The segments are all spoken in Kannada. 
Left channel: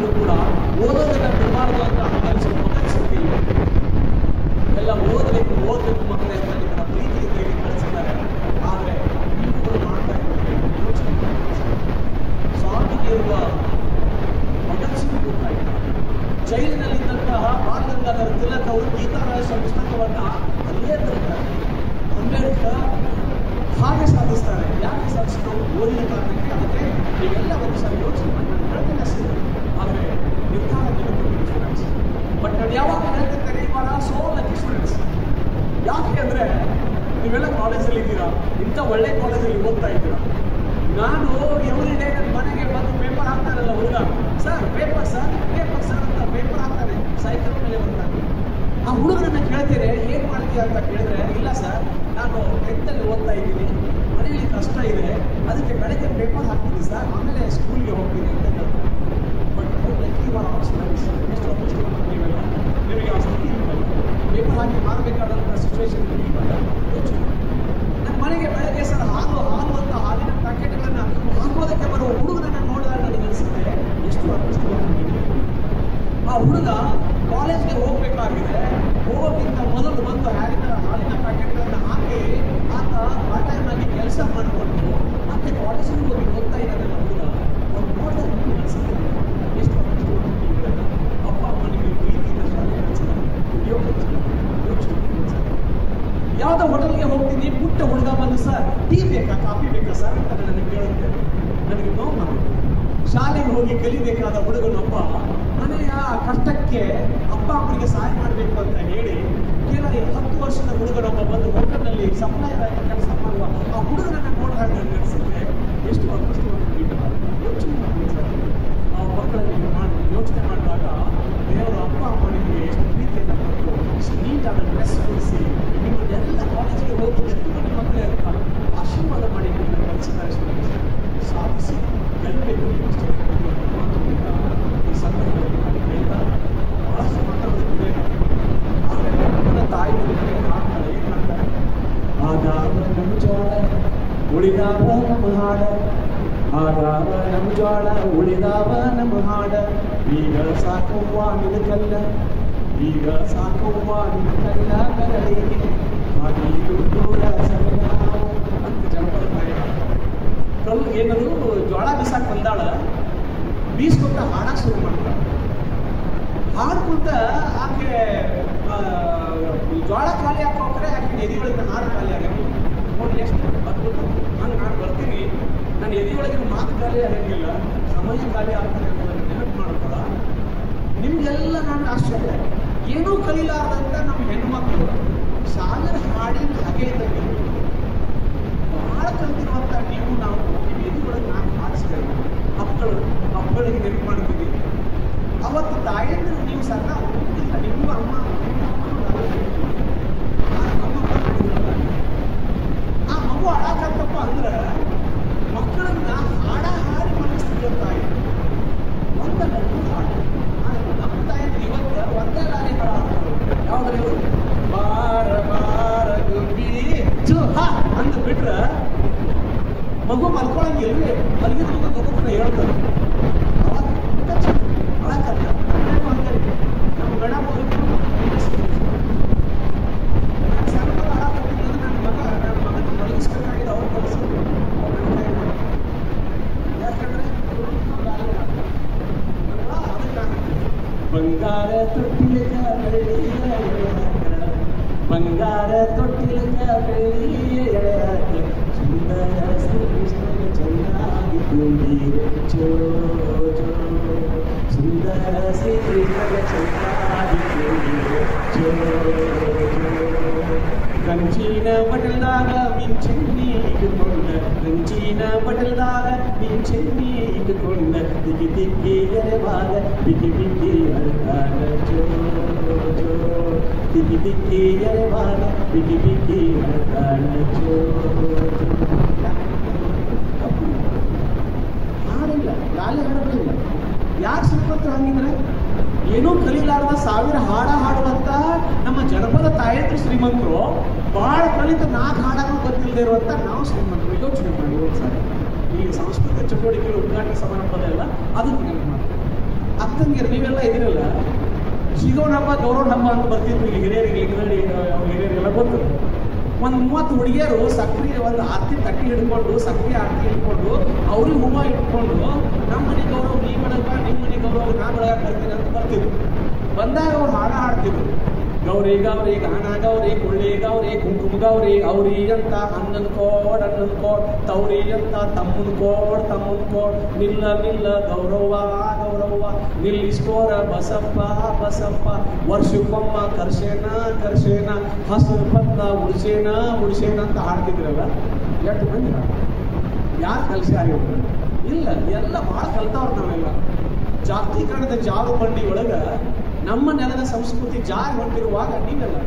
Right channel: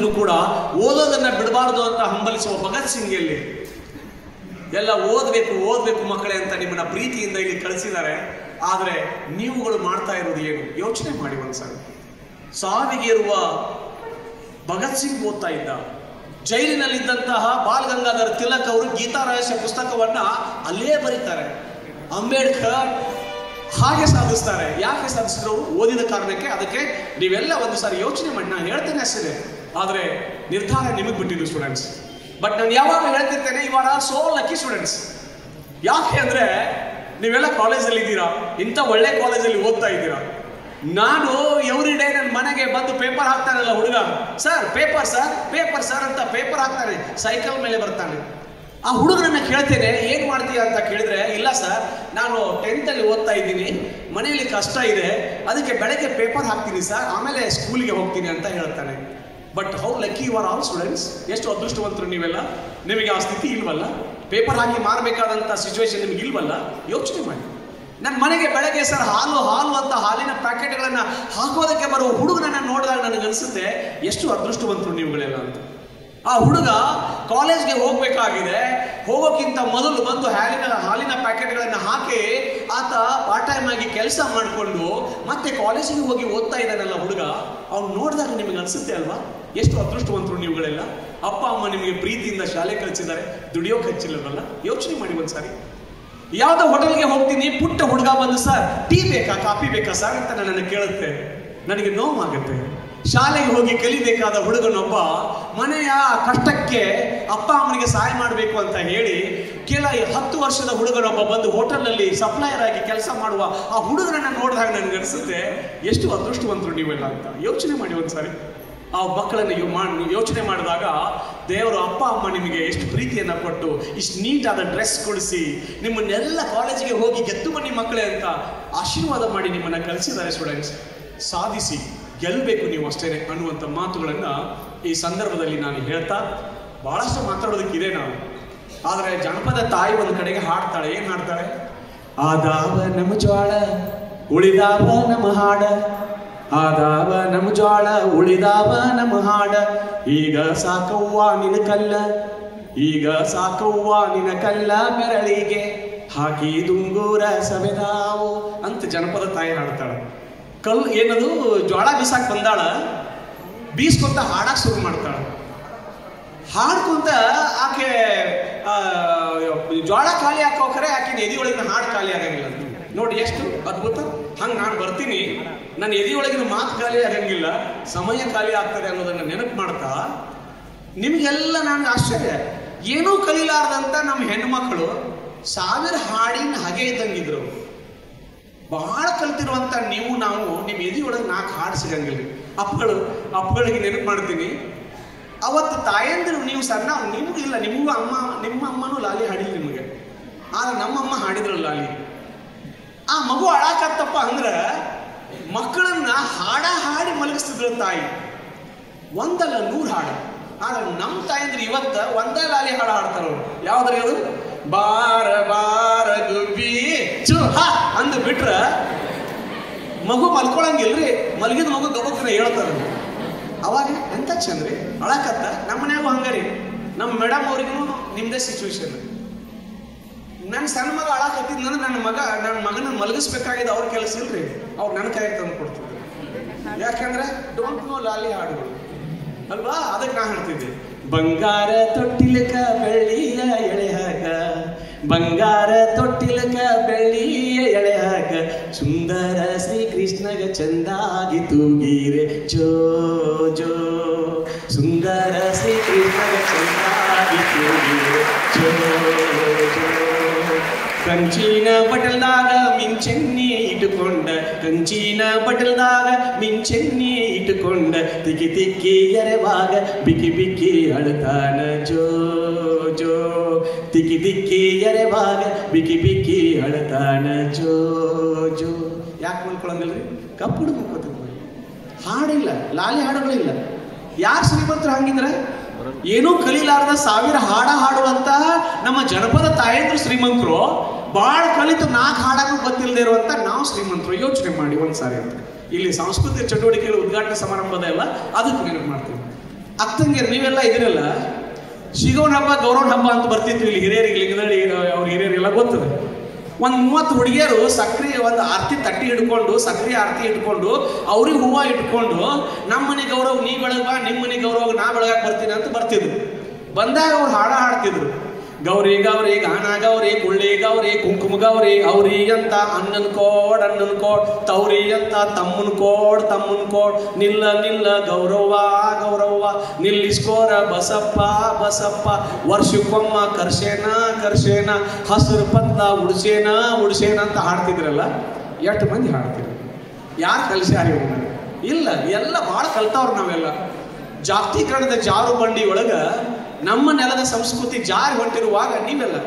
ಇದ್ರೂ ಕೂಡ ಓದೋದನ್ನ ಬಿಡಬಾರ್ದು ಅಂತ ಹಂಬಲಿಸುವ ಭಗತ್ ಸಿಂಗ್ ಎಲ್ಲಿ? ಎಲ್ಲ ಓದಬೇಕು ಮಕ್ಕಳೇ ಅಂತ ನಿಮ್ಮನ್ನ ಪ್ರೀತಿಯಿಂದ ಇಲ್ಲಿ ಕಳಿಸಿದ್ದಾರೆ. ಆದರೆ ನೀವುಗಳು ಮಾಡ್ತಾ ಇರೋದು ಏನು? ಯೋಚನೆ ಮಾಡಿ ಒಂದ್ಸಲ. ಸಾವಿಗೆ ಇರುವ ಭಗತ್ ಸಿಂಗ್ ಓದ್ತಾ ಇದ್ದ. ಜೈಲಿನಲ್ಲಿದ್ದಂತಹ ಬಾಲ್ ಗಂಗಾಧರ್ ತಿಲಕ್ ಅವರು ಗೀತಾ ರಹಸ್ಯ ಪುಸ್ತಕವನ್ನ ಅಲ್ಲೇ ಬರೀತಾರೆ. ಅಂಬೇಡ್ಕರ್ ಹಾಗೆ ಸಾಧಿಸ್ತಾರೆ. ಯಾಕೆ ಸಾಧಿಸಿದ್ರು? ಓದಿದ ಕಾರಣಕ್ಕೆ. ಅದಕ್ಕೆ ನೀವೆಲ್ಲ ಒಂದು ಸಾರಿ ಯೋಚನೆ ಮಾಡಿ. ನಾನು ಹೇಳ್ತೇನೆ ಅಷ್ಟಿದೆ, ಆದರೆ ನಿರ್ಧಾರ ನಿಮಗೆ ಬಿಟ್ಟಿದ್ದು ಸ್ಟೂಡೆಂಟ್ಸ್. ಬಟ್ ನಾನು ಯಾವಾಗ ಹೇಳ್ತಿರ್ತೇನೆ, ಇವಾಗ ಸೋ ಲಕ್ಕಿ ಸ್ಟೂಡೆಂಟ್ಸ್. ಯಾಕೆ ಅಂದ್ರೆ ನೀವೆಲ್ಲ ಕಾಲೇಜಲ್ಲಿ ಇದ್ದೀರಾ, ಇಂಥ ಒಳ್ಳೆ ಕಾಲೇಜಲ್ಲಿ ಓದ್ತಾ ಇದ್ದೀರಾ. ನಾನು ಎವ್ರಿ ಡೇ ನನ್ನ ಮನೆಗೆ ಬಂದು ಪೇಪರ್ ಹಾಕ್ತಾರಲ್ಲ ಹುಡುಗ, ಸರ್ ಪೇಪರ್ ಸರ್ ಅಂತ ಪೇಪರ್ ಹಾಕ್ತಾನೆ, ಸೈಕಲ್ ಮೇಲೆ ಬರ್ತಾನೆ. ಆ ಹುಡುಗರನ್ನ ಕೇಳ್ತೇನೆ, ಏನು ಮಾಡ್ತೀಯ ಅಂತ ಕೇಳಿದ್ರೆ, ಇಲ್ಲ ಸರ್ ನಾನು 10th ಅಲ್ಲಿ ಓದ್ತಾ ಇದ್ದೀನಿ, ಮನೆಯಲ್ಲಿ ಕಷ್ಟ ಇದೆ, ಅದಕ್ಕೆ ಬೆಳಗ್ಗೆ ಪೇಪರ್ ಹಾಕ್ತೀನಿ ಸರ್, ಆಮೇಲೆ ಸ್ಕೂಲಿಗೆ ಹೋಗ್ತೀನಿ ಅಂತ ಹೇಳ್ತಾನೆ. But how lucky you are all students. ಎಷ್ಟು ಅದೃಷ್ಟವಂತರು ನೀವೆಲ್ಲ. ನಿಮಗೆ ಆ ಸ್ಥಿತಿ ಇಲ್ವಲ್ಲ, ಪೇಪರ್ ಹಾಕಿ ಮಾರಬೇಕಾದಂಥ ಸಿಚುವೇಶನ್ ನಿಮ್ಗೆ ಇಲ್ವಲ್ಲ. ಯೋಚನೆ ಮಾಡಿ. ನನ್ನ ಮನೆಗೆ ಬೆಳಗ್ಗೆ ಸರ್ ಹಾಲು ಅಂತ ಹಾಲಿನ ಪ್ಯಾಕೆಟ್ಗಳನ್ನು ಹಾಕೋದಕ್ಕೆ ಬರುವ ಹುಡುಗನನ್ನ ನೋಡಿದಾಗ ನನಗೆ ಅನಿಸುತ್ತೆ, ಎಷ್ಟು ಅದೃಷ್ಟವಂತರು ನೀವುಗಳೆಲ್ಲ ಅಂತ. ಆ ಹುಡುಗ ಕಾಲೇಜ್ಗೆ ಹೋಗಬೇಕಾಗಿದೆ, ಹೋಗೋಕ್ಕಿಂತ ಮೊದಲು ಬಂದು ಹಾಲಿನ ಪ್ಯಾಕೆಟ್ಗಳನ್ನು ಹಾಕಿ ಆತ ಪಾರ್ಟ್ ಟೈಮ್ ಆಗಿ ಕೆಲಸ ಮಾಡಿಕೊಂಡು ಮತ್ತೆ ಕಾಲೇಜಿಗೆ ಹೋಗಿ ಓದ್ತಾ ಇದ್ದಾನಲ್ಲ ಹುಡುಗ. ಅವ್ನು ನೋಡಿದಾಗ ನಿಮಗೆ ಅನಿಸುತ್ತೆ ಅಲ್ವಾ, ಎಷ್ಟು ಅದೃಷ್ಟವಂತರು ನೀವುಗಳೆಲ್ಲ. ಅಪ್ಪ ಅಮ್ಮ ನಿಮಗೆ ಪ್ರೀತಿಯಿಂದ ಶಾಲೆ ಕಳಿಸಿದ್ದಾರೆ, ದುಡಿಯೋಕೆ ಹಚ್ಚಿಲ್ಲವಲ್ಲ. ಯೋಚನೆ ಮಾಡಿ ಒಂದ್ಸಾರಿ. ಯಾವುದೋ ಹೋಟೆಲ್ಗೆ ಹೋಗ್ತೀನಿ, ಪುಟ್ಟ ಹುಡುಗ ಬಂದು ಸರ್ ಟೀ ಬೇಕಾ ಕಾಫಿ ಬೇಕಾ ಸರ್ ಅಂತ ನನಗೆ ಕೇಳುತ್ತೆ, ನನಗೆ ನೋವಾಗುತ್ತೆ. ಶಾಲೆಗೆ ಹೋಗಿ ಕಲಿಬೇಕಾದ ಹುಡುಗನೊಬ್ಬ ಮನೆಯ ಕಷ್ಟಕ್ಕೆ ಅಪ್ಪ ಅಮ್ಮನಿಗೆ ಸಹಾಯ ಮಾಡಬೇಕು ಅಂತ ಹೇಳಿ ಕೆಲ 10 ವರ್ಷದ ಹುಡುಗನೊಬ್ಬ ಬಂದು ಹೋಟೆಲ್ನಲ್ಲಿ ಸಪ್ಲೈಯರ್ ಆಗಿ ಕೆಲಸ ಮಾಡುವ ಆ ಹುಡುಗನನ್ನ ನೋಡಿದಾಗ ನನಗೆ ಅನಿಸುತ್ತೆ, ಎಷ್ಟು ಅದೃಷ್ಟವಂತರು ನೀವೆಲ್ಲ ಅಂತ. ಯೋಚನೆ ಮಾಡಿ ಒಂದ್ಸಾರಿ. ಆ ಮಕ್ಕಳನ್ನು ಯೋಚನೆ ಮಾಡಿದಾಗ ದೇವರು ಅಪ್ಪ ಅಮ್ಮ ನಿಮಗೆ ಎಷ್ಟು ಪ್ರೀತಿಯನ್ನು ಕೊಟ್ಟು ಇಷ್ಟು ನೀಟಾದ ಡ್ರೆಸ್ ಕೊಡಿಸಿ ನಿಮ್ಮನ್ನೆಲ್ಲ ಕಾಲೇಜಿಗೆ ಹೋಗಿ ಗೆದ್ದು ಬನ್ನಿ ಮಕ್ಕಳೇ ಅಂತ ಆಶೀರ್ವಾದ ಮಾಡಿ ನಿಮ್ಮನ್ನು ಕಲಿಸಿದ್ದಾರೆ ಸ್ಟೂಡೆಂಟ್ಸ್. ಸಾಧಿಸಿ ಗೆಲ್ಲಬೇಕು ನೀವು ಅಷ್ಟೇ ಅನ್ನುವಂಥ ಮಾತುಗಳನ್ನು ಈ ಸಂದರ್ಭದಲ್ಲಿ ನಾನು ಹೇಳ್ತಾ, ಬಹಳಷ್ಟು ಮಾತಾಡೋದಕ್ಕಿದೆ ನಾನು. ಆದರೆ ಜನಪದ ತಾಯಿ ಒಂದು ಕಡೆಗೆ ಹಾಡ್ತಾಳೆ. ಏನು ಹಾಡ್ತಾಳೆ? ಆದಾವ ನಮ್ಮ ಜೋಳ ಉಳಿದಾವ ನಮ್ಮ ಹಾಡ, ಆದಾವ ನಮ್ಮ ಜೋಳ ಉಳಿದಾವ ನಮ್ಮ ಹಾಡ, ಈಗ ಸಾಕವ್ವ ನಿನ ಕಲ್ಲ, ಈಗ ಸಾಕವ್ವ ನಿನ ಕಲ್ಲ ಬೆರಳಿಗೆ ಹಾಕಿ ದುಂಗೂರ ಸವೆದಾವು ಅಂತ ಜನಪದ ತಾಯಿ ಹಾಡ್ತಾಳೆ. ಏನದು ಜೋಳ ಬೀಸಾಕ್ ಬಂದಾಳ, ಬೀಸ್ಕೊಂತ ಹಾಡಕ್ಕೆ ಶುರು ಮಾಡ್ತಾಳೆ. ಹಾಡ್ಕೊಂತ ಆಕೆ ಜೋಳ ಖಾಲಿ ಹಾಕೋಕ್ರೆ ಆಕೆ ಎದೆಯೊಳಗಿನ ಹಾಡು ಖಾಲಿ ಆಗಂಗಿಲ್ಲ. ನೋಡಿ ಎಷ್ಟು ಅದ್ಭುತ. ಹಂಗೆ ನಾನು ಬರ್ತೀನಿ, ನನ್ನ ಎದೆಯೊಳಗಿನ ಮಾತು ಖಾಲಿ ಆಗಂಗಿಲ್ಲ, ಸಮಯ ಖಾಲಿ ಆಗ್ತದೆ ಅನ್ನೋದನ್ನು ನೆನಪು ಮಾಡ್ತಾ ನಿಮಗೆಲ್ಲ ನಾನು ಆಶ್ಚರ್ಯ. ಏನೂ ಕಲೀಲಾರ್ದಂತ ನಮ್ಮ ಹೆಣ್ಣುಮಕ್ಕಳು 1000 ಹಾಡಿನ ಹಾಗೆ ಇದ್ದಂಗಿದ್ರು. ಬಹಳ ಕಲ್ತಿರುವಂಥ ನಾವು ನಿಮ್ಮ ಎದೆಯೊಳಗೆ 4 ಹಾಡು ಸಿಗಂಗಿಲ್ಲ. ಅಪ್ಪಗಳಿಗೆ ನೆನಪು ಮಾಡ್ತೀನಿ. ಅವತ್ತು ತಾಯಂದಿರು ನೀವು ಸಣ್ಣ, ನಿಮಗೂ ಇಲ್ಲ, ನಿಮಗೂ ನಿಮ್ಮ ಅಮ್ಮನೂ ಲಾಲಿ ಹಾಡಿದ್ರು ನಿಮಗೆ, ಆದ್ರೆ ನಮ್ಮಮ್ಮ ಹಾಡಿದ್ರು ಲಾಲಿ. ಆ ಮಗು ಅಳಾಕತ್ತಪ್ಪ ಅಂದ್ರೆ ಮಕ್ಕಳನ್ನ ಹಾಡಿ ಮಲಗಿಸ್ತಿದ್ರು ತಾಯಿ. 1 ಅಲ್ಲ 100 ಹಾಡು. ಆದ್ರೆ ನಮ್ಮ ತಾಯಂದ್ರು ಇವತ್ತು ಒಂದೇ ಲಾಲಿ ಹಾಡು ಹಾಡ್ತಾರ. ಯಾವ್ದ್ರ ಹೇಳು? ಬಾರ ಬಾರ ಗುಬ್ಬಿ ಚು ಹಾ ಅಂದು ಬಿಟ್ರ ಮಗು ಮಲ್ಕೊಳಂಗಿಲ್ರಿ. ಮಲಗಿದ ಮಗು ಗಬಕ್ಕನ ಹೇಳ್ತಾರೆ. ಅವಾಗ ಎಂತ ಚಂದ್ರಿ ಅಳಕತ್ತ. ನಮ್ಮ ಮನ್ಯಾಗ ಹಂಗಾರಿ, ನಮ್ಮ ಮೇಡಮ್ ಅವ್ರಿಗೂ ನಿಮ್ದೇ ಸಿಚುವೇಶನ್. ನಾನು ಸಣ್ಣ ಮಗ ಅಳಕತ್ತಿದ್ನಂದ್ರೆ ನನ್ನ ಮಗನ ಮಲಗಿಸ್ಬೇಕಾಗಿದೆ. ಅವ್ರ ಕೆಲಸ ಇಲ್ರಿ, ಅವ್ರು ನನ್ನ ಕೈ ತಂದು ಕೊಡ್ತಾರೆ. ಯಾಕಂದ್ರೆ ಡೋಂಟ್ ನೋ ಲಾಲಿ ಹಾಡು ಅಲ್ವಾ? ಅದಕ್ಕೆ ನಾ ಹೇಳ್ತಿದ್ದೆ, ಬಂಗಾರ ತೊಟ್ಟಿಲಕ ಬೆಳ್ಳಿಯ ಎಳೆ ಹಾಕ, ಬಂಗಾರ ತೊಟ್ಟಿಲಕ ಬೆಳ್ಳಿಯ ಎಳೆ ಹಾಕ, ಸುಂದರ ಶ್ರೀಕೃಷ್ಣಗ ಚಂದಾಗಿ ತೂಗಿರೆ ಜೋ ಜೋ, ಸುಂದರ ಶ್ರೀಕೃಷ್ಣಗ ಚಂದಾಗಿ ತೂಗಿರೆ ಜೋ ಜೋ. ಕಂಚಿನ ಬಟಲ್ದಾಗ ಮಿಂಚೆನ್ನಿ ಇಟ್ಟುಕೊಂಡ, ಕಂಚಿನ ಬಟಲ್ದಾಗ ಮಿಂಚೆನ್ನಿ ಇಟ್ಟುಕೊಂಡ, ತಿಕ್ಕಿ ತಿಕ್ಕಿ ಎರೆವಾಗ ಬಿಕ್ಕಿ ಬಿಕ್ಕಿ ಅಳ್ತಾನ ಜೋ ಜೋ, ತಿಕ್ಕಿ ತಿಕ್ಕಿ ಎರೆವಾಗ ಬಿಕ್ಕಿ ಬಿಕ್ಕಿ ಅಳ್ತಾನ ಜೋ ಜೋ. ಯಾಕೆ ಮಲ್ಕೊಳ್ಳೋದಿಲ್ರಿ? ಕಪ್ಪು ಹುಡುಗ ಹಾಡಿಲ್ಲ, ಲಾಲಿ ಹಾಡುಗಳಿಲ್ಲ. ಯಾಕೆ ಶ್ರೀಮಂತರು ಹಂಗಿದ್ರೆ? ಏನೂ ಕಲೀಲಾರ್ದ 1000 ಹಾಡ ಹಾಡುವಂತ ನಮ್ಮ ಜನಪದ ತಾಯಂದ್ರು ಶ್ರೀಮಂತರು, ಭಾಳ ಕಲಿತು 4 ಹಾಡನ್ನು ಗೊತ್ತಿಲ್ಲದೆ ಇರುವಂತ ನಾವು ಶ್ರೀಮಂತರು. ಯೋಚನೆ ಮಾಡಿ ಒಂದ್ಸಾರಿ. ಇಲ್ಲಿ ಸಾಂಸ್ಕೃತಿಕ ಚಟುವಟಿಕೆಗಳ ಉದ್ಘಾಟನಾ ಸಮಾರಂಭದ ಎಲ್ಲ ಅದಕ್ಕೆ ನೆನಪು ಮಾಡ್ತೀವಿ. ಅತ್ತಂಗಿರು ನೀವೆಲ್ಲ ಇದ್ರಲ್ಲ, ಸಿಗೋಣ ಹಬ್ಬ ಗೌರವನ ಹಬ್ಬ ಅಂತ ಬರ್ತಿತ್ತು ಇಲ್ಲಿ ಹಿರಿಯರಿಗೆ, ಅವ್ರ ಹಿರಿಯರಿಗೆಲ್ಲ ಗೊತ್ತದ. ಒಂದು 30 ಹುಡುಗಿಯರು ಸಕ್ರೆ ಒಂದು ಆರತಿ ತಟ್ಟಿ ಹಿಡ್ಕೊಂಡು, ಸಕ್ರೆ ಆರತಿ ಹಿಡ್ಕೊಂಡು, ಅವ್ರಿಗೆ ಹೂವು ಇಟ್ಕೊಂಡು, ನಮ್ಮ ಮನೆ ಗೌರವ ನೀ ಬೆಳಗ ಬಾ, ನಿಮ್ಮ ಮನೆ ಗೌರವ ನಾ ಬೆಳಗಾಕ ಬರ್ತೀನಿ ಅಂತ ಬರ್ತಿದ್ರು. ಬಂದಾಗ ಅವ್ರು ಹಾಡ ಹಾಡ್ತಿದ್ರು. ಗೌರಿ ಗೌರಿ ಗಾಣ ಗೌರಿ ಕುಳ್ಳಿ ಗೌರಿ ಕುಂಕುಮ ಗೌರಿ ಅವ್ರಿ ಅಂತ ಅಣ್ಣನ ಕೋಡ್ ತೌರಿ ಅಂತ ತಮ್ಮನ ಕೋಡ್ ನಿಲ್ಲ ನಿಲ್ಲ ಗೌರವ್ವ ಗೌರವ್ವ ನಿಲ್ಲಿಸ್ಕೋರ ಬಸಪ್ಪ ಬಸಪ್ಪ ವರ್ಷಕ್ಕೊಮ್ಮ ಕರ್ಸೇನ ಹಸಿರು ಪತ್ಲ ಉಡ್ಸೇನ ಅಂತ ಹಾಡ್ತಿದ್ರಲ್ಲ. ಎಷ್ಟು ಮಂದಿ ಹಾಡ್ತಿದ್ರು? ಯಾರು ಕಲಿಸ್ಯಾರ ಇವ್ನ? ಇಲ್ಲ, ಎಲ್ಲ ಭಾಳ ಕಲ್ತವ್ರು ನಾವೆಲ್ಲ. ಜಾಗತೀಕರಣದ ಜಾರು ಬಂಡಿ ಒಳಗ ನಮ್ಮ ನೆಲದ ಸಂಸ್ಕೃತಿ ಜಾರಿ ಹೊಂಟಿರುವಾಗ ನೀವೆಲ್ಲ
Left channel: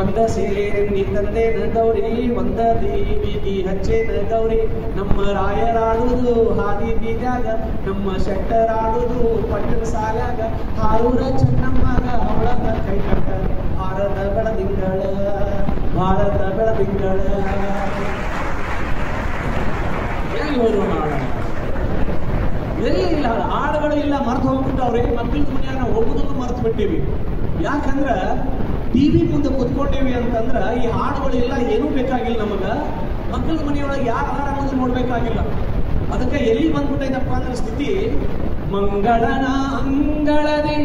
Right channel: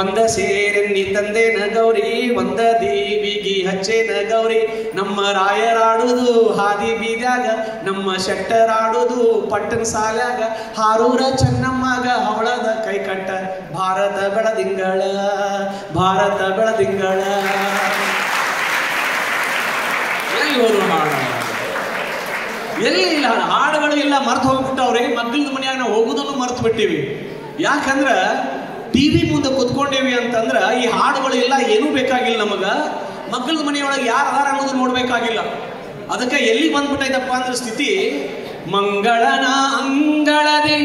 ಒಂದ ಸೇರೆನ್ನಿ ತಂದೇನ ಗೌರಿ, ಒಂದ ದೇವಿಗಿ ಹಚ್ಚೇನ ಗೌರಿ, ನಮ್ಮ ರಾಯರಾಡುವುದು ಹಾದಿ ಬೀದ್ಯಾಗ, ನಮ್ಮ ಶೆಟ್ಟರಾಡುವುದು ಪಟ್ಟಣ ಸಾಲ್ಯಾಗ, ಹಾರೂರ ಚೆನ್ನಮ್ಮಗ ಹವಳದ ಕೈಕಟ್ಟ, ಭಾರತ ಬೆಳದಿಂಗಳ ಎಲ್ಲಿ ಹೋದ್ರು ಹಾಡ? ಎಲ್ಲಿ ಇಲ್ಲ, ಹಾಡುಗಳು ಇಲ್ಲ, ಮರ್ತು ಹೋಗ್ಬಿಟ್ಟವ್ರಿ. ಮಕ್ಕಳ ಮನ್ಯಾಗ ನಾವು ಹೋಗೋದನ್ನು ಮರ್ತು ಬಿಟ್ಟಿವಿ. ಯಾಕಂದ್ರೆ ಟಿವಿ ಮುಂದೆ ಕುತ್ಕೊಂಡೇವಿ ಅಂತಂದ್ರೆ ಈ ಹಾಡುಗಳು ಇಲ್ಲ, ಏನೂ ಬೇಕಾಗಿಲ್ಲ ನಮಗ. ಮಕ್ಕಳ ಮನೆಯೊಳಗೆ ಯಾರು ಅದಾರ ಅನ್ನೋದು ನೋಡ್ಬೇಕಾಗಿಲ್ಲ. ಅದಕ್ಕೆ ಎಲ್ಲಿ ಬಂದ್ಬಿಟ್ಟೈತಪ್ಪ ಅಂದ್ರೆ ಸ್ಥಿತಿ, ಮಂಗಳನ ಅಂಗಳದಿ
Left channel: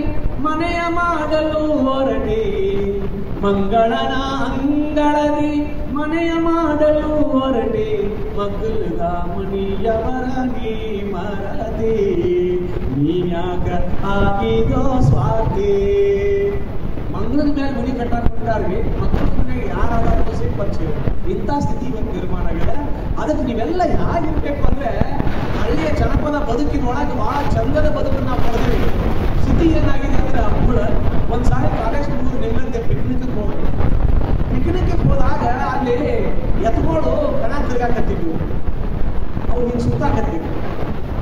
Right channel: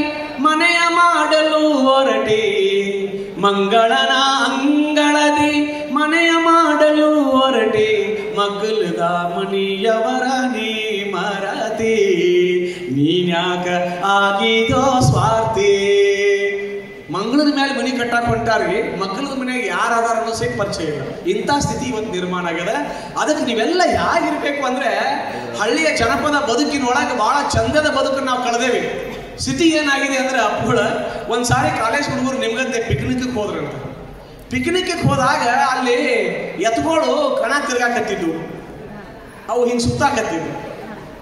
ಮನೆಯ ಮಾಡಲು ಹೊರಟೆ, ಮಂಗಳನ ಅಂಗಳದಿ ಮನೆಯ ಮಾಡಲು ಹೊರಟೆ, ಮಗ್ಗಲದ ಮನಿಯವರ ನೀ ಮರತಿ, ನೀನ್ಯಾಕ ಆಗಿದೋ ಸ್ವಾರ್ಥಿ. ಮಂಗಳದ ಮೇಲೆ ಮನಿ ಕಟ್ಟಾಕ ಹೊಂಟಾರ್ರಿ, ಮಕ್ಕಳದ ಮನೆಯಾಗ ಯಾರು ಆಧಾರ ಅನ್ನೋಸಕ್ಕೆ ಪರಿಚಯ ಇಲ್ಲ. ಇಂಥ ಸ್ಥಿತಿ ಇವತ್ತು ನಿರ್ಮಾಣ ಆಗಿದೆ. ಅದಕ್ಕೆ ನೀವೆಲ್ಲ ಯಾಗಿರ್ಬೇಕು ಅಂದ್ರೆ, ಹಳ್ಳಿಯ ಜನಪದ ಬದುಕಿನೊಳಗೆ ಬಹಳ ಚಂದದ ಬದುಕನ್ನು ನಾವು ಕಳೆದೇವಿ. ಸ್ಥಿತಿ ಏನಾಗಿದೆ ಅಂದ್ರೆ, ಅಪ್ಪುಗಳ ಒಂದ್ಸಾರಿ ಕಾಲೇಜ್ ಹುಡುಗರು ನಿಮ್ಗಂತೆ ಪಿಕ್ನಿಕ್ಗೆ ಹೋದ್ರಂತ. ಪಿಕ್ನಿಕ್ಗೆ ಹೋದಾಗ ಅಲ್ಲಿ ಎತ್ಗಳು ಕಣ ತಿರ್ಗಾಕತ್ತಿದ್ವು, ಅವು ಹಿಂಗೆ ಸುತ್ತಾಕತ್ತಿದ್ವು.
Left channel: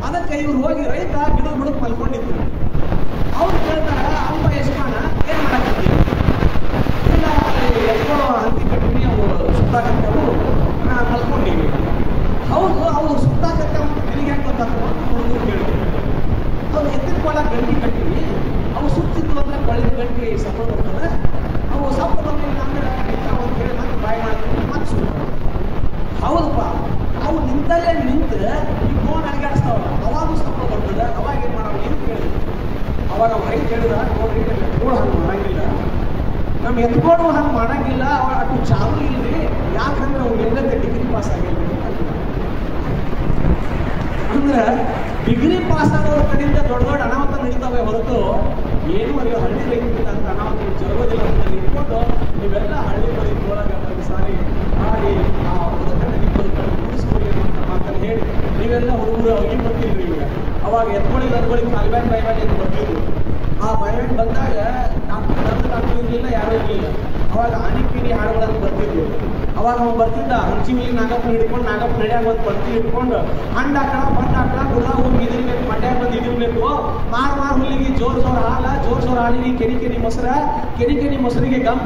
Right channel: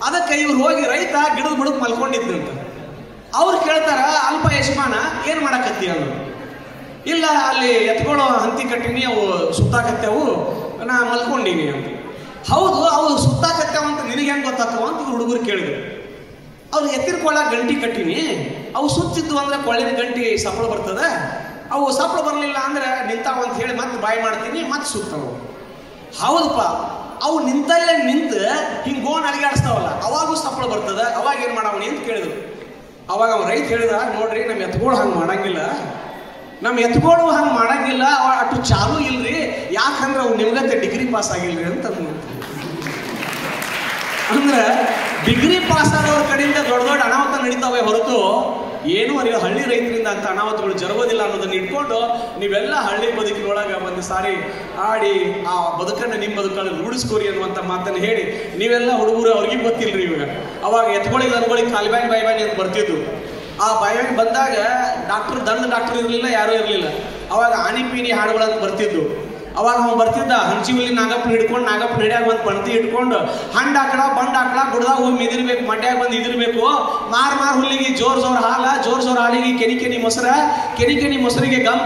ಅದಕ್ಕೆ ಇವ್ರು ಹೋಗಿ ರೈತ ಗಿಡದ ಬುಡಕ್ಕೆ ಮಲ್ಕೊಂಡಿದ್ದಂತ. ಅವ್ರು ಕೇಳ್ತಾರ, ಅಲ್ಪ ಯಜಮಾನ ಏನು ಮಾಡಕತ್ತೀವಿ ಅವ್ರು? ಇಲ್ಲ, ಅಲ್ಲಿ ಎತ್ಕೊಳ್ಳೋ ಹಂತಿ ಕಟ್ಟಿನಿ, ಅವು ಸುತ್ತಾಕತ್ತೇವು, ನಾ ಮಲ್ಕೊಂಡೀನಿ ಅಂತ. ಹೌದು, ಅವು ಸುತ್ತಾಕತ್ತೇವ ಅಂತ ನಿನಗೆ ಹೆಂಗೆ ಗೊತ್ತಾಗ್ತವ ಅಂತ ಹುಡುಗರು ಕೇಳಿದ್ರು. ಅವ್ರು ಎತ್ತಿರ್ಕೊಳ್ಳ ಗಂಟಿ ಕಟ್ಟಿನಿ, ಅವು ಸುತ್ತಿದ್ದು ಅಂದ್ರೆ ಕೊಳ್ಳಿನ ಗಂಟಿ ಸಫಳ ಬರ್ತದೆ, ಅವು ಸಫಳ ಬರಲಿಲ್ಲ ಅಂದ್ರೆ ನಿಂತಾವ ಅಂತ ಹೇಳಿ ಮತ್ತೆ ಬಾಯಿ ಮಾಡ್ತೀನಿ, ಮತ್ತೆ ಸುತ್ತವು. ಹೌದಪ್ಪ, ಅವು ನಿಂತಲ್ಲೇ ನಿಂತು ಹಿಂಗೆ ಗೋನ್ ಅಲಿಗಾಡಿಸ್ತಾವಲ್ಲ, ಅವಾಗೂ ಸಫಳ ಬರ್ತದೆ, ಅವಾಗ ಏನು ಮಾಡವ ಅಂತ ಕೇಳಿದ್ರು. ಅವಾಗ ಅವ್ನು ರೈತ ಹೇಳಿದ, ನೋಡ್ರಿ ನಮ್ಮ ಎತ್ಗಳು ಹಂಗೆ ಮಾಡಂಗಿಲ್ಲ, ಅಷ್ಟು ಚಾಲು ಇಲ್ರಿ, ಯಾಕಂದ್ರೆ ಅವು ನಿಮ್ಗಂತೆ ಡಿಗ್ರಿ ಪಾಸ್ ಆಗಿಲ್ರಿ ಅಂತ ಅಂದ್ರೆ ಡಿಗ್ರಿ ಪಾಸ್ ಆದವ್ರ ಕಡೆಯಿಂದ ದೊಡ್ಡ ದೊಡ್ಡ ಅನಾಹುತ ನಡೀತಾವೆ ಹೊರತು ಏನೂ ಅರಿವು ಹಳ್ಳಿ ರೈತರಿಂದ ಅಂತ ಅನಾಹುತಗಳು ಜರುಗೋದಿಲ್ಲ ಅನ್ನೋದನ್ನ ಇಟ್ಕೊಂಡು ನೀವೆಲ್ಲ ಹಳ್ಳಿ ಬದುಕಿನೊಳಗೆ ಒಂದು ಸಾರಿ ಆಡಿ ಆ ಬದುಕನ್ನು ನಿಮ್ಮ ಬದುಕನ್ನು ರೂಢಿಸ್ಕೋರಿ ಅನ್ನುವಂಥ ಮಾತನ್ನು ಹೇಳಿ ನೀವೆಲ್ಲ ಹುಡುಗರು ಅವ್ರಿಗೆ ಗೊತ್ತಿಲ್ಲರಿ. ಇವಾಗ ಅವಾಗ ಎತ್ಕೊಳ್ಳಿಗೆ ಕಾಲ್ಬ್ಯಾನ್ ಬಾಯ್ಬ್ಯಾನ್ ಅಂತ ಬರ್ತಿದ್ರು. ಆ ಬಾಯ್ಬ್ಯಾನ್ ಬಂದಾಗ ಡಾಕ್ಟರ್ ಇರಲಿಲ್ಲ, ಯಾರೂ ಇರಲಿಲ್ಲ. ಅವಾಗ ಆನಿ ಪೀನಿ ಹಾಡುಗಳನ್ನು ಬರ್ತಿದ್ವು. ಅವಾಗ ಅವ್ನು ಬರ್ತಿದ್ದ ಹಂಚಿಹುಲಿ ನಾಗಪ್ಪನ ಹಿಡ್ಕೊಂಡು, ನಾಗಪ್ಪನ ಹಿಡಿಯಾಗ ಒಂದು ಪಂಕ್ತಿ ಇಟ್ಕೊಂಡು, ಹಂಡ್ ಹಾಕಳ ಬಂಡ್ ಹಾಕಳ ಗುಡ್ದಾಗ ಹೋಗಿ ಮಿದಿರ್ಬೇಕು, ಮಂಡ್ಯಾಗ ಬಂದು ಇದಿರ್ಬೇಕು, ಮಾರ್ ಹುಲ್ಲಿಗೆ ಜೋರ್ ಹಾಲ, ಜೋರ್ ಹಾಲಿಗೆ ಕೆನಿ ಮೊಸರಿಗೆ ಗಮ್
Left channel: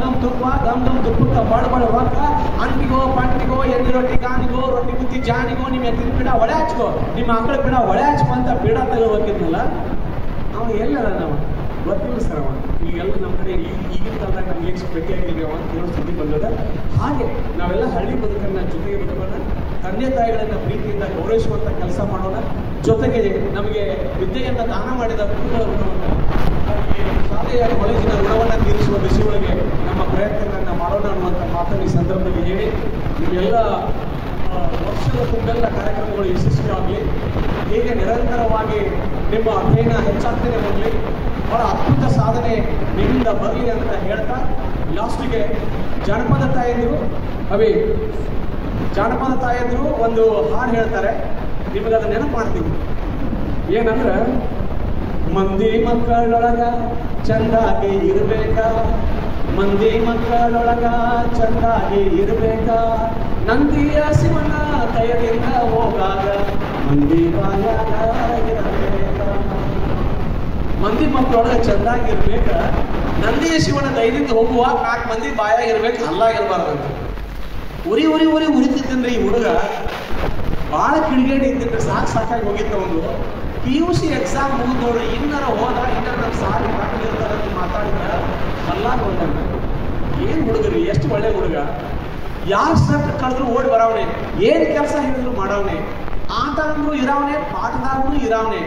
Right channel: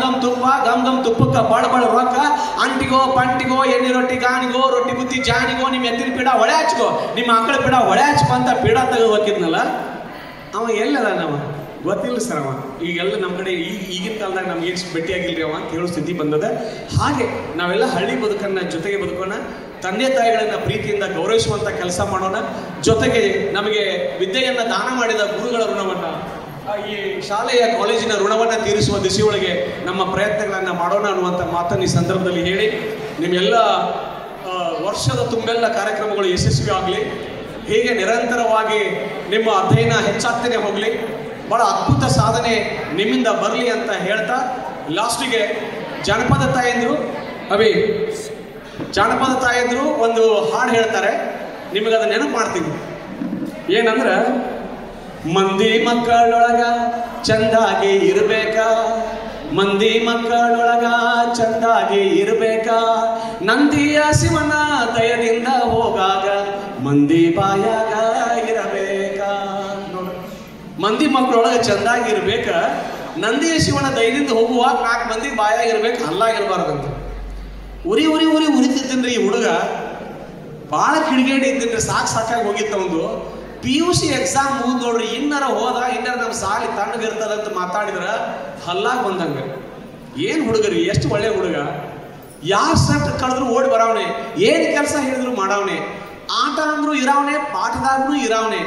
ತುಪ್ಪಕ್ಕೆ ಬಡ ರೊಕ್ಕ, ಅಂಟಿಗೋ ಪಂಟಿಗೋ ಎಣ್ಣೆ ರೊಟ್ಟಿ ಗಾಣಿಗೋ ರೊಟ್ಟಿ ಬುತ್ತಿ ಜಾನಿಗೋ, ನಿಮ್ಮ ಎತ್ತಿನ ಪೀಡ ಹೊಳೆ ಹಚ್ಕೋ, ನಿಮ್ಮ ಮಕ್ಕಳ ಪೀಡ ಹೊಳೆ ಹಚ್ಕೋ ಅಂತ ಪೀಡ ತೆಗೆದು ಹೋಗಿದ್ನಲ್ಲ, ಅವ ಎಲ್ಲದ ನಾವು ಗೊತ್ತಿಲ್ಲ ಸರ್. ಅವ ಈಗೆಲ್ಲ ನಮ್ಮ ಕಡೆ ಈಗಿನ ಕಾಲದಾಗ ನಮ್ಗೆ ಏನು ಭೇಟಿಯಾಗಿಲ್ರಿ ಅವ ಅಂತ ಹೇಳೋ ಸ್ಥಿತಿ ಬಂದದ. ಹಾಗೆ ನಾವೆಲ್ಲ ಹಳ್ಳಿ ಬದುಕನ್ನು ಜೊತೆಗೆ ಬದುಕೋಣ, ತಂದೆ ತಾಯಿಗಳನ್ನು ಪ್ರೀತಿಯಿಂದ ಗೌರವಿಸುವಂಥ ಕೆಲಸ ಮಾಡೋಣ. ಜೊತೆಗೆ ನಮಗೆ ವಿದ್ಯೆಯನ್ನು ದಾನ ಮಾಡಿದ ಗುರುಗಳ ಋಣವನ್ನು, ಈ ಶಾಲೆಯ ಕಾಲೇಜಿನ ಋಣವನ್ನು ತೀರಿಸುವ ದಿಶೆಯೊಳಗೆ ನಮ್ಮ ಪ್ರಯತ್ನಗಳನ್ನು ಮಾಡೋಣ ಅನ್ನುವಂಥ ಮಾತನ್ನು ಈ ಸಂದರ್ಭದಲ್ಲಿ ಹೇಳಿ, ನಿಮ್ಮೆಲ್ಲ ವರ್ಷದ ತುಂಬೆಲ್ಲ ಕಾರ್ಯಕ್ರಮಗಳು ಯಶಸ್ವಿ ಆಗಲಿ, ಹೀಗೆ ನಿರಂತರವಾಗಿ ನಿಮ್ಮ ಅಧ್ಯಯನ ಹೆಚ್ಚಾಗ್ತಾನೆ ಹೋಗಲಿ, ಬಹಳ ಅದ್ಭುತ ಸಾಧನೆ ನಿಮ್ಮಿಂದ ಬರಲಿ ಅಂತ ಹೇಳ್ತಾ, ಲಾಸ್ಟಿಗೆ ಜಾನಪದ ತಾಯಂದ್ರು ಒಂದು ಹಾಡು ಹೇಳ್ತಾರೆ, ನಿಮಗೆ ಅದನ್ನ ನೆನಪು ಮಾಡ್ತೀವಿ. ಏನಂದ್ರೆ, ಮಂದಿ ಮಕ್ಕಳೊಳಗ ಚಂದಾಗಿ ಇರಬೇಕಾ, ಮಂದಿ ಮಕ್ಕಳೊಳಗ ಚಂದಾಗಿ ಇರಬೇಕಾ, ನಂದಿಯ ಶಿವನ ದಯದಿಂದ ಹೋಗಾಗ ಮಂದಿ ಬಾಯಾಗ ಇರಬೇಕಾ. ಮಂದಿ ಮಕ್ಕಳೊಳಗೆ ಚಂದಾಗಿ ಇರ್ಬೇಕ, ನಂದಿಯ ಶಿವನ ದಯದಿಂದ ಹೋಗುವಾಗ 4 ಮಂದಿ ಬಾಯಾಗಿರ್ಬೇಕು, ಹಲ್ಲಾಗಿರ್ಬಾರ್ದಂತ. ಉರಿತಿದ್ದೀನ್ರಿ ಈ ಹುಡುಗ, ಭಾಳ ಕಿಡಿಗೇಡಿ ಇದ್ದಿನ್ರಿ, ಸಾಕಾಗಿ ಹೋಗಿತ್ತ ಒಂದು PUC ಎಕ್ಸಾಮ್ ಮುಗಿದು ನೋಡ್ರಿ, ಇನ್ನರ ಹೋದ ಇನ್ನರ ನಮ್ಮ ಸಾಲಿ ತಣ್ಣಗಿರ್ತದಂತ ಮಾತಾಡಿದ್ರ ಹಲ್ಲಾಗ್ ಬಂದಂಗೆ. ಏನು ಹುಡುಗರಿ, ಎಷ್ಟು ಒಳ್ಳೆ ಹುಡುಗ, ಯಾರು ಸಟ್ ಕಳೆದ್ರು ಓಡಿ ಬರವನೆ, ಏನು ಕೆಲಸ ಹೇಳಿದ್ರು ಮಾಡವನೆ, ಆಟ ಅಂದ್ರು ಇರಾವನೆ, ಪಾಠದಾಗೂ ಇರಾವನೆ,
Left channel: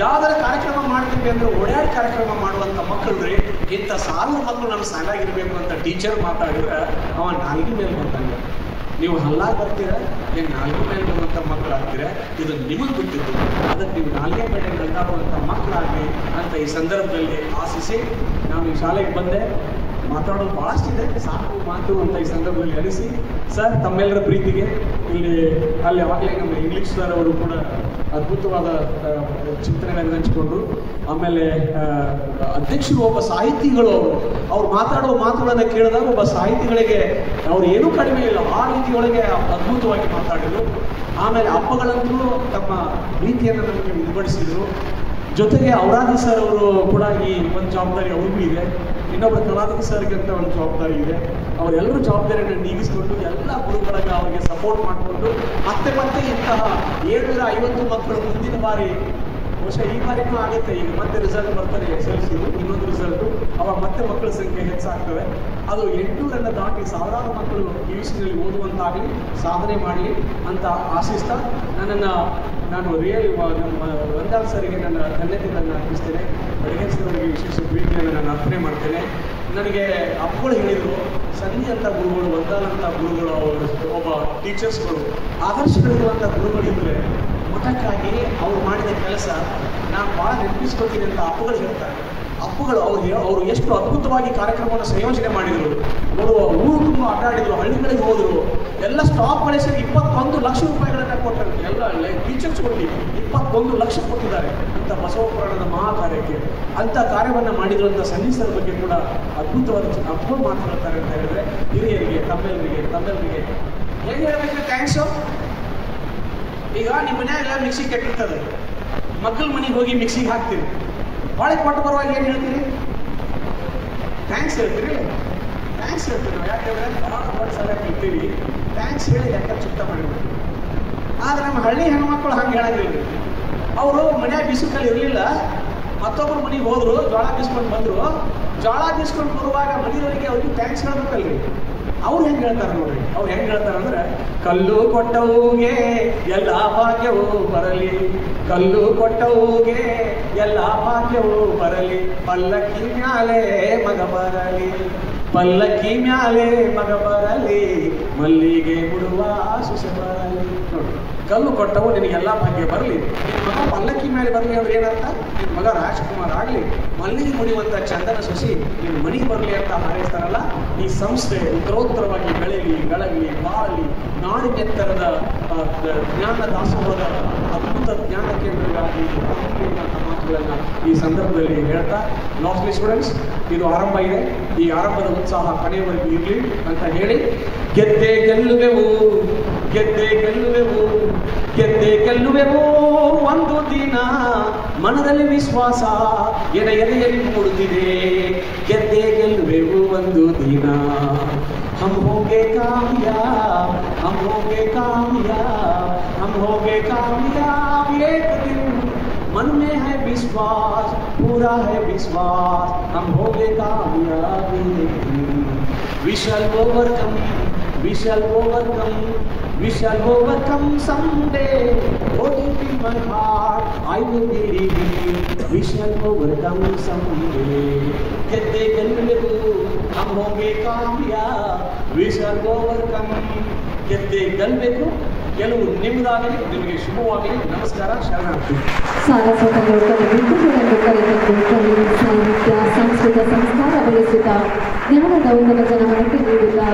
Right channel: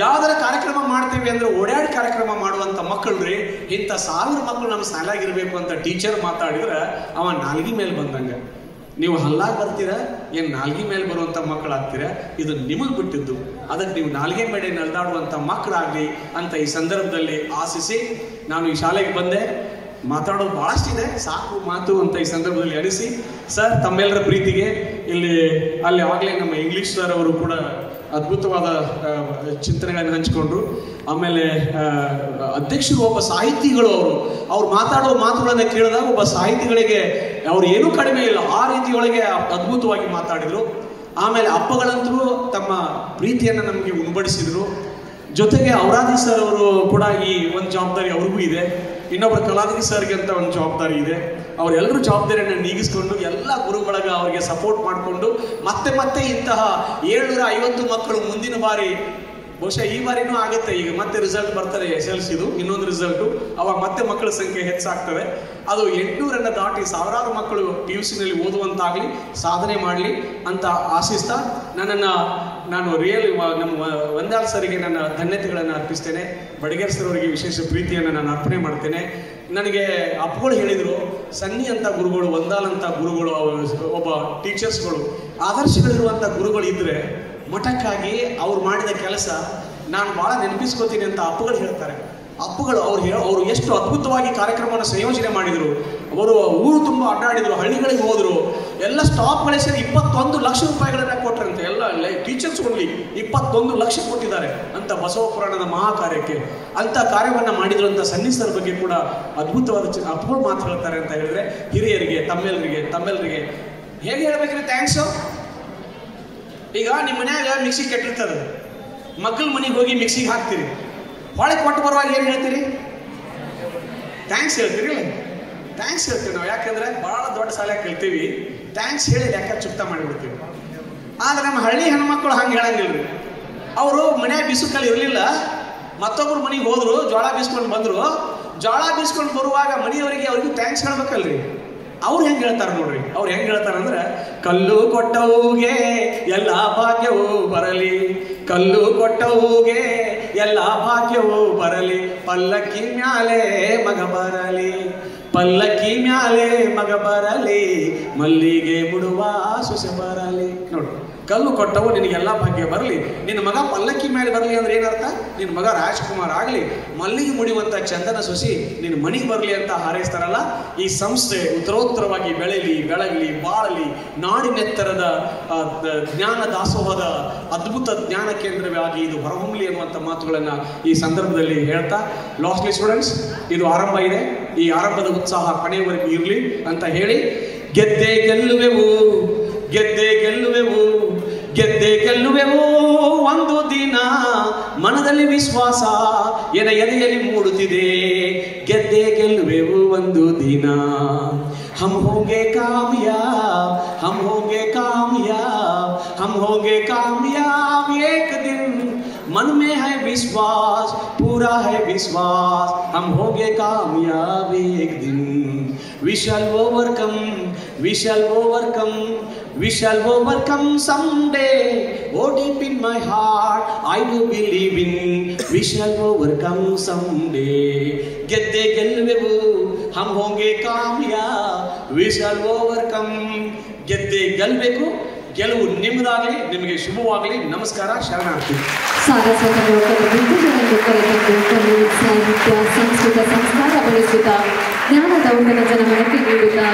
ಯಾವ್ದಾರ ಕಾರ್ಯಕ್ರಮ ಮಾಡ್ತೀವಿ ಅಂದ್ರೆ ಓಡಾಡಿ ಕಾರ್ಯಕ್ರಮ ಮಾಡುವಂಥ ಮಕ್ಕಳು ರೀ. ಇಂಥ 1000 ಮಕ್ಕಳು ನಮ್ಮ ಸಾಲಾಗಿರ್ಬೇಕು ಅಂತ ಟೀಚರ್ ಮಾತಾಡಿದ್ರೆ ಅವ ನಾಲ್ಗಿ ಮೇಲೆ ಬಂದಂಗೆ. ನೀವು ಹಲ್ಲಾಗಿ ಬರ್ತೀರ, ಏನು ನಾಲ್ಗೆ ಮೇಲೆ ಬರುವಂಥ ಮಕ್ಕಳಾಗ್ತೀರ, ಇದು ನಿಮಗೆ ಬಿಟ್ಟಿದ್ದು. ಅದಕ್ಕೆ ನೀವು ನಾಲ್ಗೆ ಮೇಲೆ ನಡೆದಾಡುವಂಥ ಮಕ್ಕಳಾಗಲಿ ಅಂತ ಈ ಸಂದರ್ಭದಲ್ಲಿ ಆಶಿಸಿ ನಾನು ಈ ಶಾಲೆಗೆ ಬಂದೆ. ಮಾತಾಡೋದು ಭಾಳಷ್ಟಿದೆ, ಸಾಕು ಮಾತು ಅಂತ ಈ ಸಂದರ್ಭದಲ್ಲಿ ಅನಿಸಿ, ಸರ್ ತಮ್ಮೆಲ್ಲರ ಪ್ರೀತಿಗೆ ಅಲ್ಲಿ ಆಗಲೇ ನಮ್ಮ ಇಂಗ್ಲೀಷ್ ಸರ್ ಅವರು ಕೂಡ ಅದ್ಭುತವಾದ ಚಿಂತನೆಗಳನ್ನು ಹಂಚಿಕೊಂಡ್ರು. ಆಮೇಲೆ ಅಧ್ಯಕ್ಷರು ಒಬ್ಬ ಸಾಹಿತಿಗಳು, ಅವ್ರು ಮಾತಾಡೋ ಮಾತುಗಳನ್ನು ಕೇಳಿದಾಗ ಒಬ್ಬ ಸಾಹಿತಿಗಳಿಗೆ ಅವ್ರು ಏನೂ ಕಡಿಮೆ ಇಲ್ಲ, ಆ ರೀತಿಯೊಳಗೆ ಅದ್ಭುತವಾಗಿ ಮಾತಾಡಿದರು. ಆಮೇಲೆ ಅಪ್ಪಗಳಂತರೂ ತಮ್ಮ ಪ್ರೀತಿಯನ್ನು ನಮಗೆ ಉಣಬಡಿಸಿದರು. ಜೊತೆಗೆ ಔರಾದಿ ಸರ್ ಅವರು ಕೂಡ ಈ ಒಂದು ಜವಾಬ್ದಾರಿ ಅವ್ರಿಗೂ ಇದೆ, ಇನ್ನೊಬ್ಬರು ಕಲಾದಿ ಸರ್ಗೆ ಅಂತ ಒಂದು ಜವಾಬ್ದಾರಿ ಇದೆ. ಅವರೆಲ್ಲರೂ ಜವಾಬ್ದಾರಿಯನ್ನು ನೀಗಿಸ್ಕೊಂಡು ಎಲ್ಲ ಗುರುಗಳಿಗೆ ಅವರಿಗೆ ಸಪೋರ್ಟ್ ಮಾಡಿಕೊಂಡು ಮತ್ತೆ ಇಂತಹ 750 ಮಕ್ಕಳು ಮುಂದಿನ ಬಾರಿ, ಬಹುಶಃ ಈ ಬಾರಿನೂ ಆಗುತ್ತೆ, ಈಗ ಮತ್ತೆ ರಿಸಲ್ಟ್ ಬರ್ತಾರೆ SLCದು ಇನ್ನೊಂದು ರಿಸಲ್ಟು, ಅವಾಗ ಮತ್ತೆ ಮಕ್ಕಳ ಸಂಖ್ಯೆ ಹೆಚ್ಚಾಗ್ತವೆ. ಅದು 800 ದಾಟಿ ಸಾವಿರಾರು ಮಕ್ಕಳು PUCನಲ್ಲಿ ಓದುವಂತಾಗಲಿ, ಸಾಧನೆ ಮಾಡಲಿ ಅಂತ ಆಶಿಸ್ತಾ ನಾನು ರಿಯಲಿ ನಮ್ಮ ವಂದಾಲ್ ಸರಿಗೆ ನನ್ನ ಧನ್ಯತೆಗಳನ್ನು ಅರ್ಪಿಸ್ತೇನೆ. ಬಡಿಗೇರ್ ಸರ್ ಅವರಿಗೆ ವಿಶೇಷ ಪ್ರೀತಿಯನ್ನು ನಾನು ಅರ್ಪಣೆ ಮಾಡ್ತೇನೆ. ನನಗೆ ಅಪ್ಪಗಳು ಹೇಳಿದರು, ಸನ್ನಿ ಅಂತ ಗುರುಗಳು, ವಂದಾಲ್ ಅಂತ ಗುರುಗಳು, ಒಬ್ಬ ಟೀಚರ್ಸ್ಗಳು, ಆದರ್ಶಗಳಿರುವಂಥ ಗುರುಗಳು ಇದ್ದರೆ ಮಠಕ್ಕಾಗಿ ಅವ್ರು ಮಾಡಿದ ಕೆಲಸ ನಾನು ಭಾಳ ನೆನಪಿಸ್ಕೊತೀನಿ ಅಂತ ಅಪ್ಪಗಳು ಹೇಳ್ತಾರೆ. ಅಪ್ಪಗಳು ಅವರು ಎಷ್ಟು ಅದ್ಭುತವಾಗಿ ಕಾರ್ಯಕ್ರಮವನ್ನು ಸಂಯೋಜನೆ ಮಾಡಿದರು. ಅವರು ಊರು ತುಂಬ ಅಡ್ಡಾಡಿದರು, ಹಳ್ಳಿಗಳಿಗೆ ಹೋದರು, ಎಲ್ಲ ಸ್ಟಾಪ್ಗಳೇ ಸೇರಿ 21 ಲಕ್ಷ ರೂಪಾಯಿಗಳನ್ನು ಕೊಟ್ಟರಂತೆ. ಎಲ್ಲ ಟೀಚರ್ಸ್ಗಳಿಗೆ 21 ಲಕ್ಷ ಕೊಟ್ಟಿದ್ದಾರೆ ಅಂತ ಬಸವ ಪುರಾಣದ ಮಹಾ ಕಾರ್ಯಕ್ಕೆ. ಅಂಥ ಕಾರ್ಯವನ್ನು ಮಾಡಿದ್ರು ಅಂತ ಸನ್ನಿಸರ ಬಗ್ಗೆ ಕೂಡ ಅದ್ಭುತವಾದ ಅಪ್ಪ ಮಾತು ಹೇಳ್ತಾರೆ ಅಂತ ಹೇಳಿದ್ರೆ, ಹಿರಿಯರಿಗೆ ತಮ್ಮೆಲ್ಲರಿಗೆ ಹೇಗೆ ಹೇಳ್ಬೇಕ್ರಿ ಥ್ಯಾಂಕ್ಸು. ಈಗ ನಿಮ್ಮ ಮನ್ಯಾಗ ಮಿಕ್ಸಿ ಕೆಟ್ಟಿರ್ತದೆ, ಮಕ್ಕಳ ಮನೆಗೆ ಹೋಗಿ ಮಿಕ್ಸಿಗೆ ಹಾಕ್ತೀರಿ, ಹೊಳೆ ಕೊಟ್ಟು ಬರುವಾಗ ಏನು ಹೇಳ್ತೀರಿ? ಥ್ಯಾಂಕ್ಸ್ ಹೇಳ್ತೀರಿ. ಥ್ಯಾಂಕ್ಸ್ ಹೇಳ್ತೀವಿ ನಾವು, ಯಾಕಂದರೆ ಭಾಳ ದೊಡ್ಡ ಸಾಲ ಕೇಳ್ತೀವಿ, ಥ್ಯಾಂಕ್ಸ್ ಹೇಳಿ ಯಾಕೆ ಚುಕ್ತ ಮಾಡಿಬಿಡ್ತೀವಿ. ಆದರೆ ನಮ್ಮ ಹಳ್ಳಿ ಹೆಣ್ಮಕ್ಳು ಹಂಗೆ ಹೇಳಂಗಿಲ್ಲ ರೀ. ಅವರು ಮನ್ಯಾಗ ಬಿಸುಕಲ್ಲಿ ಇರಲಿಲ್ಲ, ಮತ್ತೊಬ್ಬರು ಮನೆಗೆ ಹೋದರು, ಜೋಳ ಬೀಸ್ಕೊಂಡು ಬಂದರು, ಜೋಳ ಬೀಸ್ಕೊಂಡು ಬರುವಾಗ ಮನೆಯವರಿಗೆ ಅವ್ರಿಗೆ ಥ್ಯಾಂಕ್ಸ್ ಹೇಳ್ಬೇಕಲ್ರಿ. ಅವ್ರು ಹೆಂಗೆ ಹೇಳ್ತಾರೆ ನೋಡ್ರಿ, ಅವ್ರು ಹೆಂಗೆ ಹೇಳ್ತಾರಂದ್ರೆ, ಕಲ್ಲು ಕೊಟ್ಟವುಗೆ ಎಲ್ಲ ಭಾಗ್ಯವೂ ಬರಲಿ, ಕಲ್ಲು ಕೊಟ್ಟವುಗೆ ಎಲ್ಲ ಭಾಗ್ಯವೂ ಬರಲಿ, ಪಲ್ಲಕ್ಕಿ ಮ್ಯಾಲೆ ಮಗ ಬರಲಿ, ಪಲ್ಲಕ್ಕಿ ಮ್ಯಾಲೆ ಮಗ ಬರಲಿ, ಮಲ್ಲಿಗೆ ಮುಡುವ ಸೊಸೆ ಬರಲಿ. ನೋಡಿ, ಕಲ್ಲು ಕೊಟ್ಟವು ನಿನಗೆಲ್ಲ ಭಾಗ್ಯ ಬರಲಿ, ನಿನ್ನ ಮಗ ಪಲ್ಲಕ್ಕಿ ಮೇಲೆ ಬರಲಿ ಅಂದ್ರೆ ಏನರ್ಥ? ನಿನ್ನ ಮಗ ರಾಜ್ಕುಮಾರ್ ಆಗಲಿ, ಮಲ್ಲಿಗೆ ಮುಡಿಯುವಂಥ ಚಂದನ ಸೊಸಿ ನಿನ್ನ ಮನೆಗೆ ಬರಲಿ ಅಂತ ಹಾರೈಸ್ತಾರಲ್ಲ. ಈ ಸಂಸ್ಥೆ ಉತ್ತರೋತ್ತರವಾಗಿ ಬೆಳಗಲಿ, ಬಾಳಲಿ, ನಾಡಿನೆತ್ತರದ ಜ್ಞಾನ ದಾಸೋಹದ ಅದ್ಭುತ ಜ್ಞಾನ ಕೇಂದ್ರವಾಗಿ ಇದು ಹೊರಹೊಮ್ಮಲಿ ಅನ್ನುವಂಥ ಮಾತುಗಳನ್ನು ಈ ಸಂದರ್ಭದಲ್ಲಿ ಹೇಳ್ತಾ, ಲಾಸ್ಟ್ಲಿ ಸ್ಟೂಡೆಂಟ್ಸ್, ಇದು ಆರಂಭ ಇದೆ, ಈ ಆರಂಭದ ಉತ್ಸಾಹ ಕೊನೆಯವರೆಗೂ ಇರಲಿ ಅಂತ ಹೇಳಿ, ಗೆದ್ದೆ ಗೆಲ್ಲುವೆವು ಒಂದು ದಿನ, ಮನದಲ್ಲಿ ವಿಶ್ವಾಸ ಎದೆಯಲ್ಲಿ ಮೂಡುತ್ತಿದೆ, ಗೆದ್ದೆ ಗೆಲ್ಲುವೆವು ಒಂದು ದಿನ, हम होंगे कामयाब एक दिन, मन में है विश्वास, पूरा है विश्वास, हम होंगे कामयाब एक दिन, we shall overcome someday, oh deep in my heart I do believe in, we shall overcome someday, ಗೆದ್ದೆ ಗೆಲ್ಲುವೆವು हम होंगे कामयाब, we shall overcome, ಗೆದ್ದೆ ಗೆಲ್ಲಬೇಕು, ಗೆಲುವು ನಿಮ್ಮದಾಗಲಿ, ನಿಮಗೆ ಶುಭವಾಗಲಿ. ನಮಸ್ಕಾರ, ಶರಣಾರ್ಥಿ. ಸಾರಸ್ವತರು ವಿದ್ಯೆಗಳನ್ನು ಕರೆತಂದು ಸಾಹಿತ್ಯ ಸಂಸ್ಕೃತ ಸಂಸ್ಕಾರ ಬೆಳೆಸುತ್ತಾ ಜ್ಞಾನದ ಉನ್ನತ ಜನಮನಕ್ಕೆ ನೀಡುತ್ತಾ